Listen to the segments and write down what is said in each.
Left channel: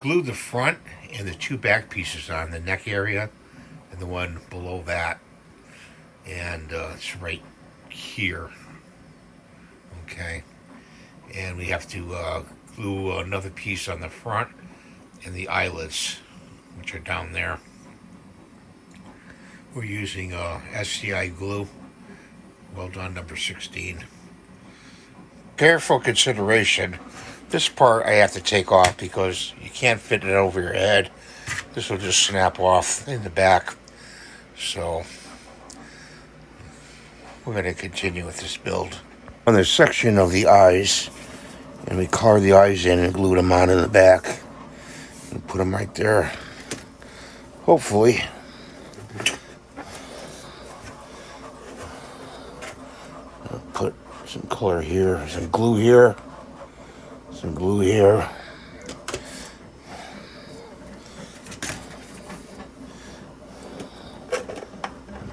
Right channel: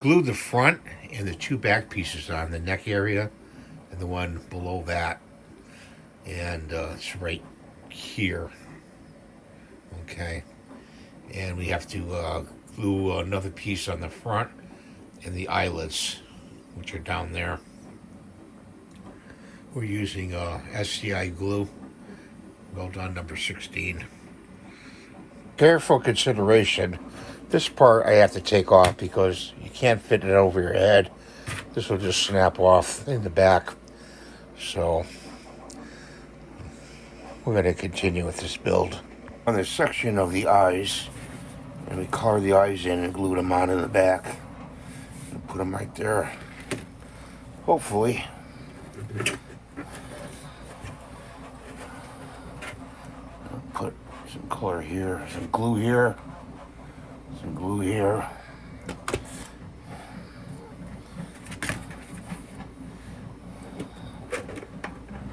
Glued the front and the two back pieces on the neck area and the one below that, and it's right here. Okay, and we have to glue another piece on the front and the eyelets, which are down there. We're using SCI glue, well done, number 16. Careful consideration. This part I have to take off because you can't fit it over your head. This will just snap off in the back. So we're going to continue with this build. On the section of the eyes, and we carve the eyes in and glue them onto the back. And put them right there. Hopefully. I'll put some color here, some glue here, some glue here.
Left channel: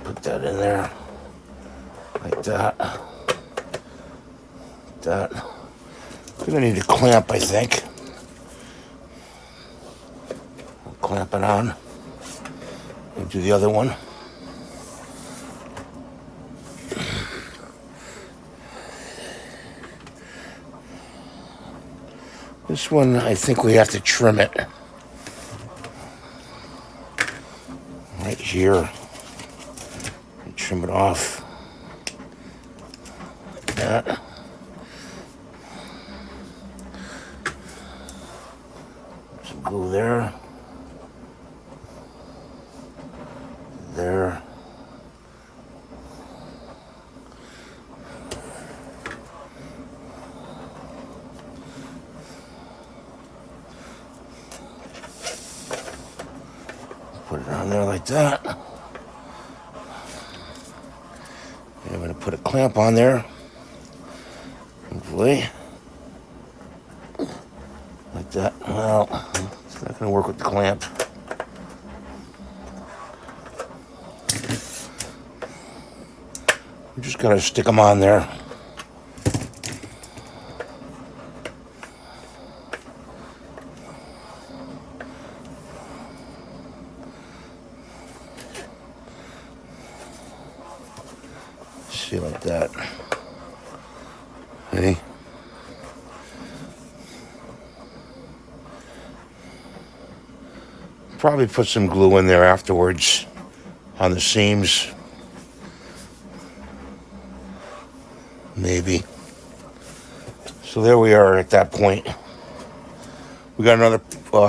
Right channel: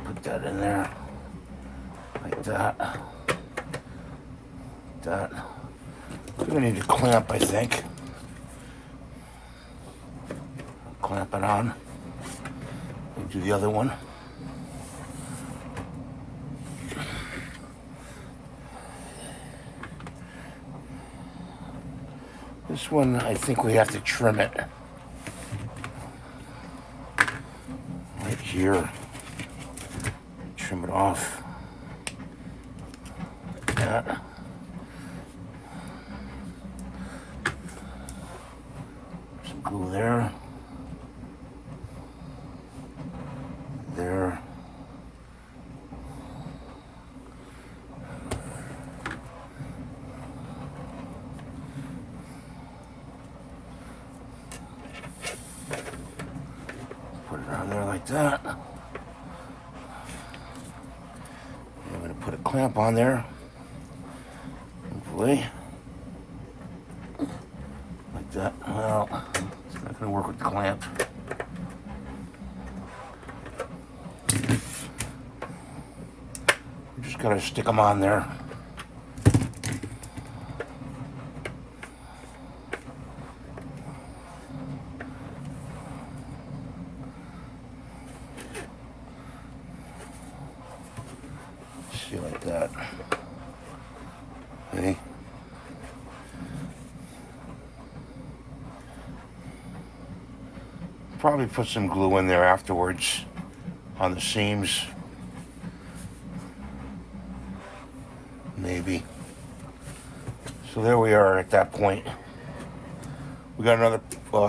Put that in there, like that. Like that. We're gonna need a clamp, I think. Clamp it on. We'll do the other one. This one, I think we have to trim it. Right here. Trim it off. Like that. Some glue there. There. Put it on there like that. I'm going to put a clamp on there. Hopefully. Like that. Well, it's not going to work with the clamp. I'm just going to stick them on there. See, like that. Hey. Probably put some glue in there afterwards on the seams. Maybe. So there we are at that point. We got another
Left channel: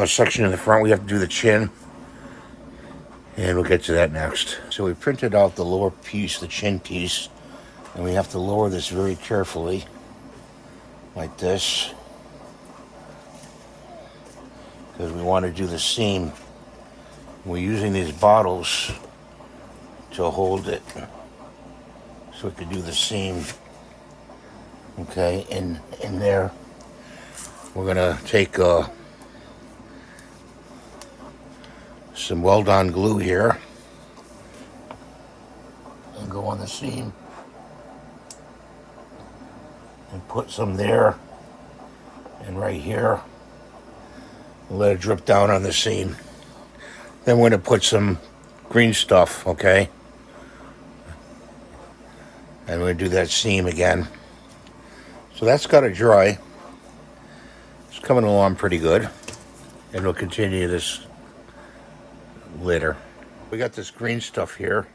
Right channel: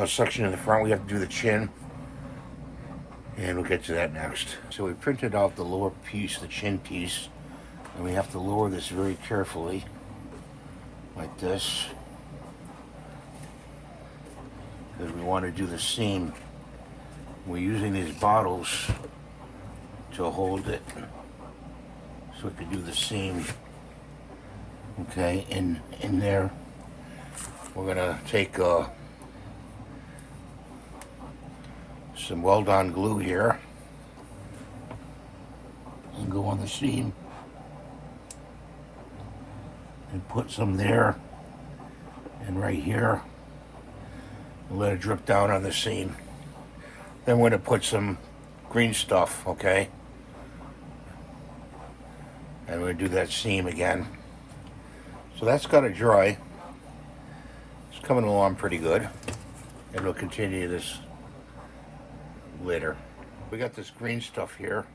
section in the front. We have to do the chin. And we'll get to that next. So we printed out the lower piece, the chin piece. And we have to lower this very carefully. Like this. Because we want to do the seam. We're using these bottles to hold it. So we can do the seam. Okay, in there. We're gonna take some weld-on glue here and go on the seam and put some there and right here and let it drip down on the seam. Then we're gonna put some green stuff, okay? And we're gonna do that seam again. So that's gotta dry. It's coming along pretty good. And we'll continue this later. We got this green stuff here.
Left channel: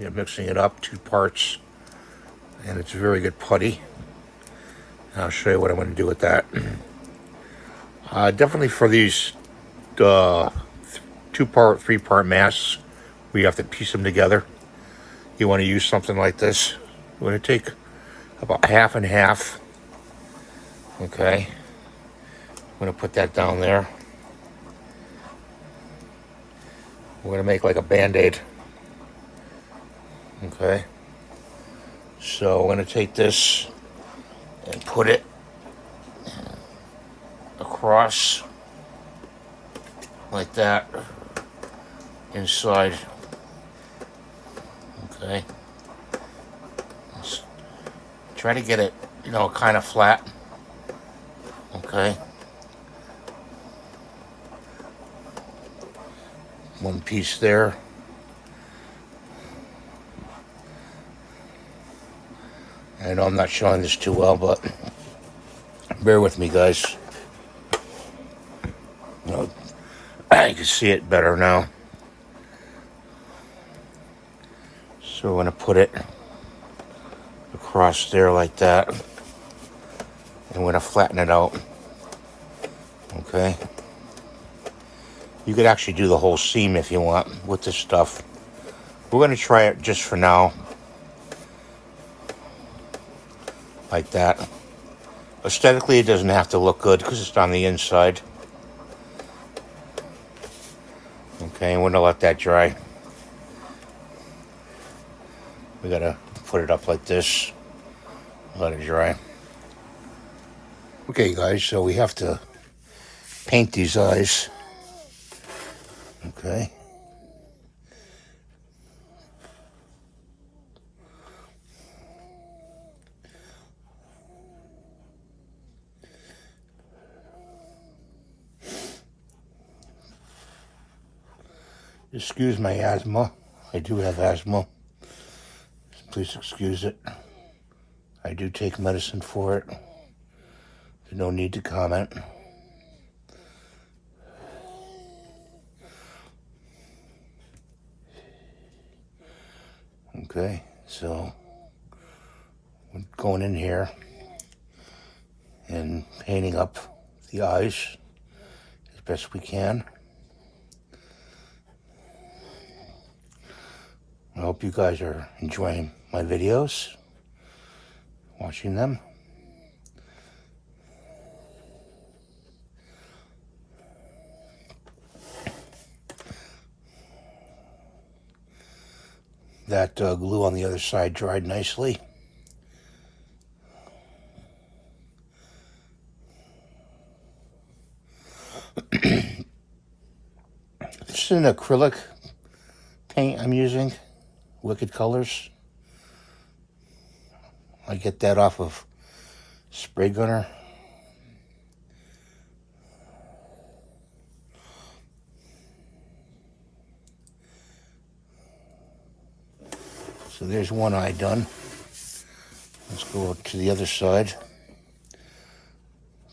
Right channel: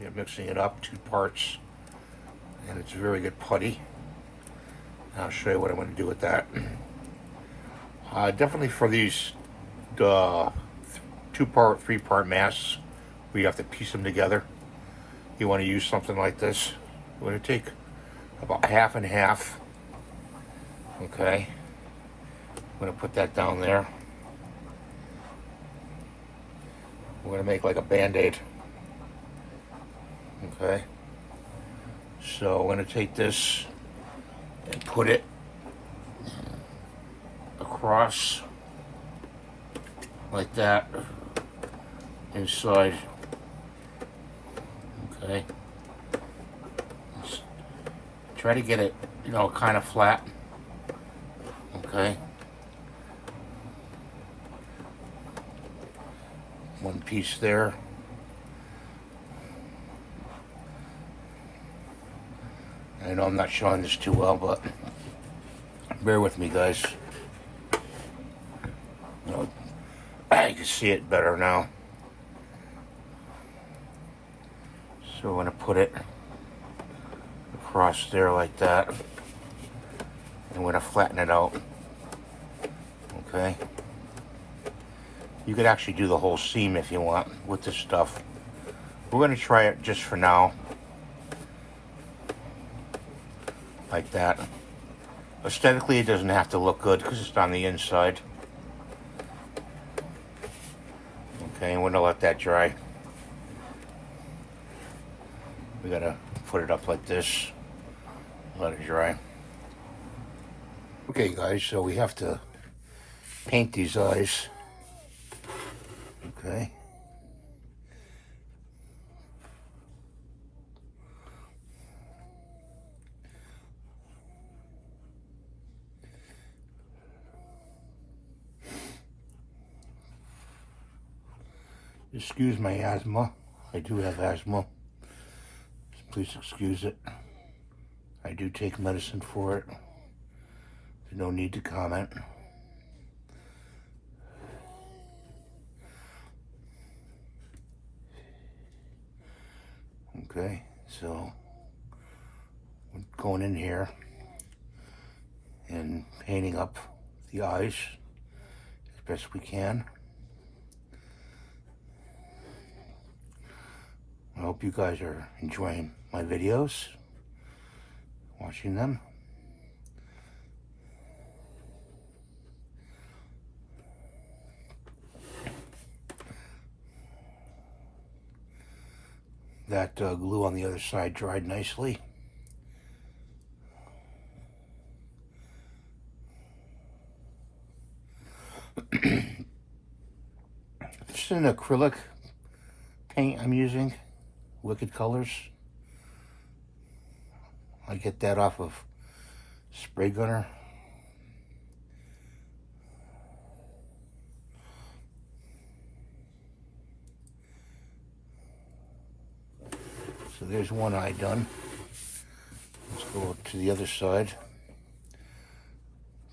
We're mixing it up, 2 parts. And it's a very good putty. And I'll show you what I'm gonna do with that. Definitely for these 2-part, 3-part masks, we have to piece them together. You wanna use something like this. We're gonna take about half and half. Okay. I'm gonna put that down there. We're gonna make like a band-aid. Okay. So I'm gonna take this and put it across like that inside. Okay. Let's try to get it, kind of flat. Okay. One piece there. I know I'm not showing this too well, but bear with me, guys. You know, I can see it better now. So we're going to put it across there like that. And we're going to flatten it out. Okay. You could actually do the whole seam if you want with this stuff. We're going to try it just for now. Like that. Aesthetically, it doesn't have to look good because it's on the inside. Okay, we're going to let that dry. We got to put it up like this. Let it dry. Okay, guys, so we have to paint these eyes. Okay. Excuse my asthma. I do have asthma. Please excuse it. I do take medicine for it. There's no need to comment. Okay, so I'm going in here and painting up the eyes as best we can. I hope you guys are enjoying my videos, watching them. That glue on the other side dried nicely. This is an acrylic paint I'm using, Wicked Colors. I get that off of Spraygunner. So there's one eye done. Let's go up to the other side.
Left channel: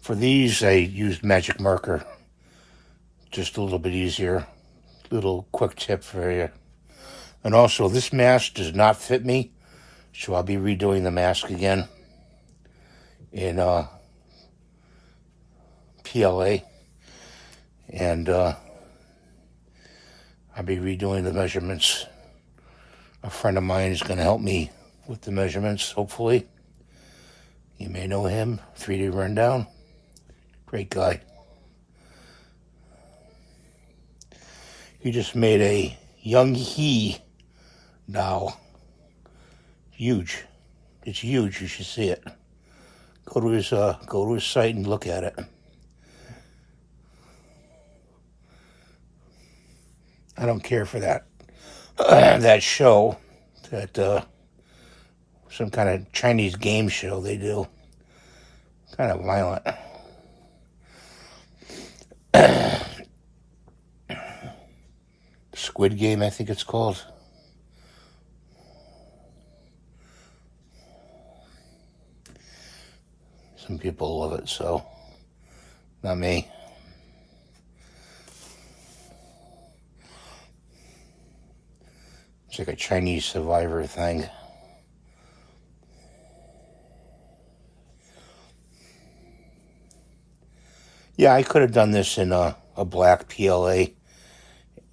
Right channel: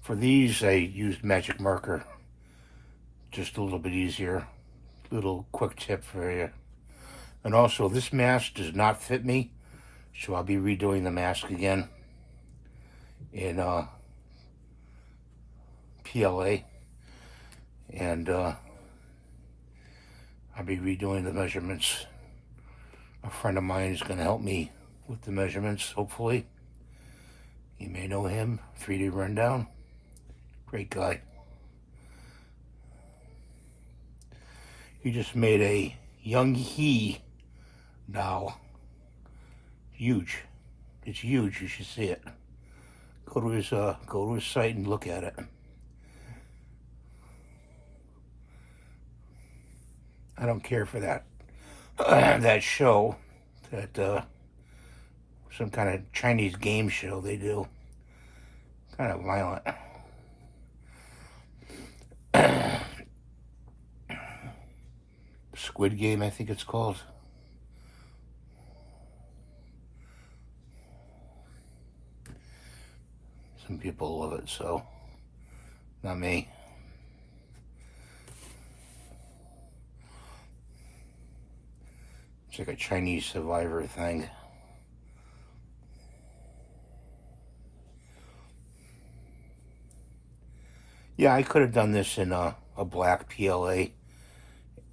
For these, I used magic marker. Just a little bit easier. Little quick tip for you. And also, this mask does not fit me, so I'll be redoing the mask again in PLA. And I'll be redoing the measurements. A friend of mine is going to help me with the measurements, hopefully. You may know him, 3D Rundown. Great guy. He just made a young he doll. Huge. It's huge. You should see it. Go to his site and look at it. I don't care for that that show, that some kind of Chinese game show they do. Kind of violent. Squid Game, I think it's called. Some people love it, so not me. It's like a Chinese survivor thing. Yeah, I could have done this in a black PLA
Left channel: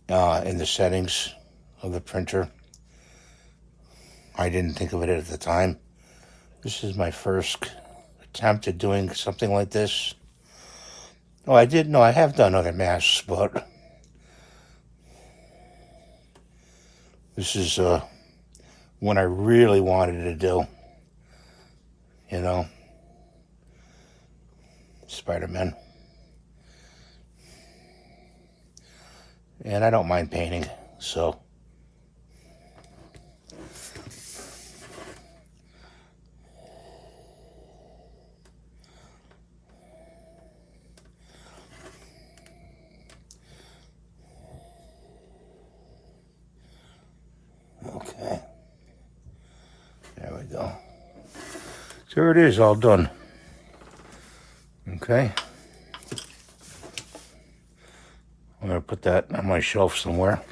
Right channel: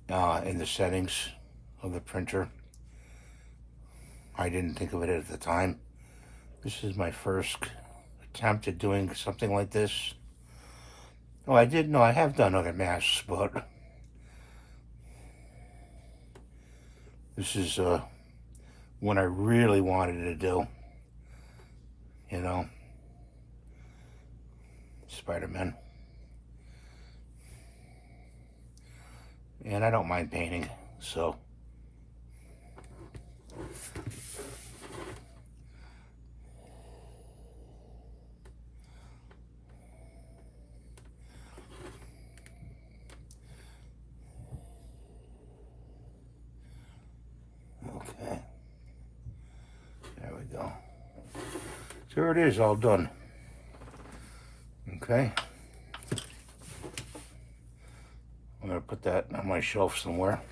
in the settings of the printer. I didn't think of it at the time. This is my first attempt at doing something like this. Oh, I did know I have done other masks, but this is one I really wanted to do. You know, Spider-Man. And I don't mind painting, so. There it is, all done. Okay. I'm gonna put that on my shelf somewhere.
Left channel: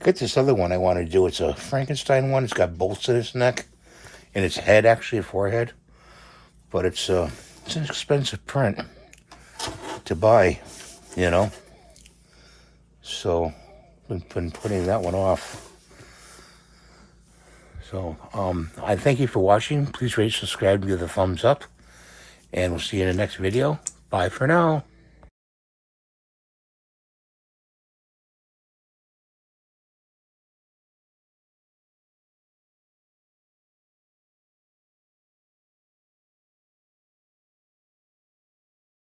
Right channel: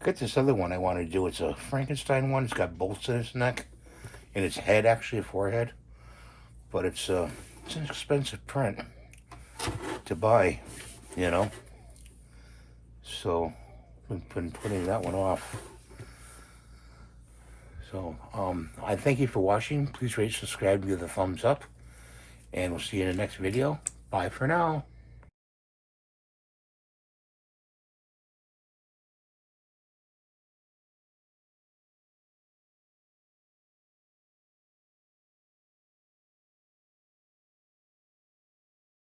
Got this other one I want to do. It's a Frankenstein one. It's got bolts in its neck, and its head, actually a forehead. But it's an expensive print to buy, you know. So I've been putting that one off. So I thank you for watching. Please rate, subscribe, and give a thumbs up. And we'll see you in the next video. Bye for now.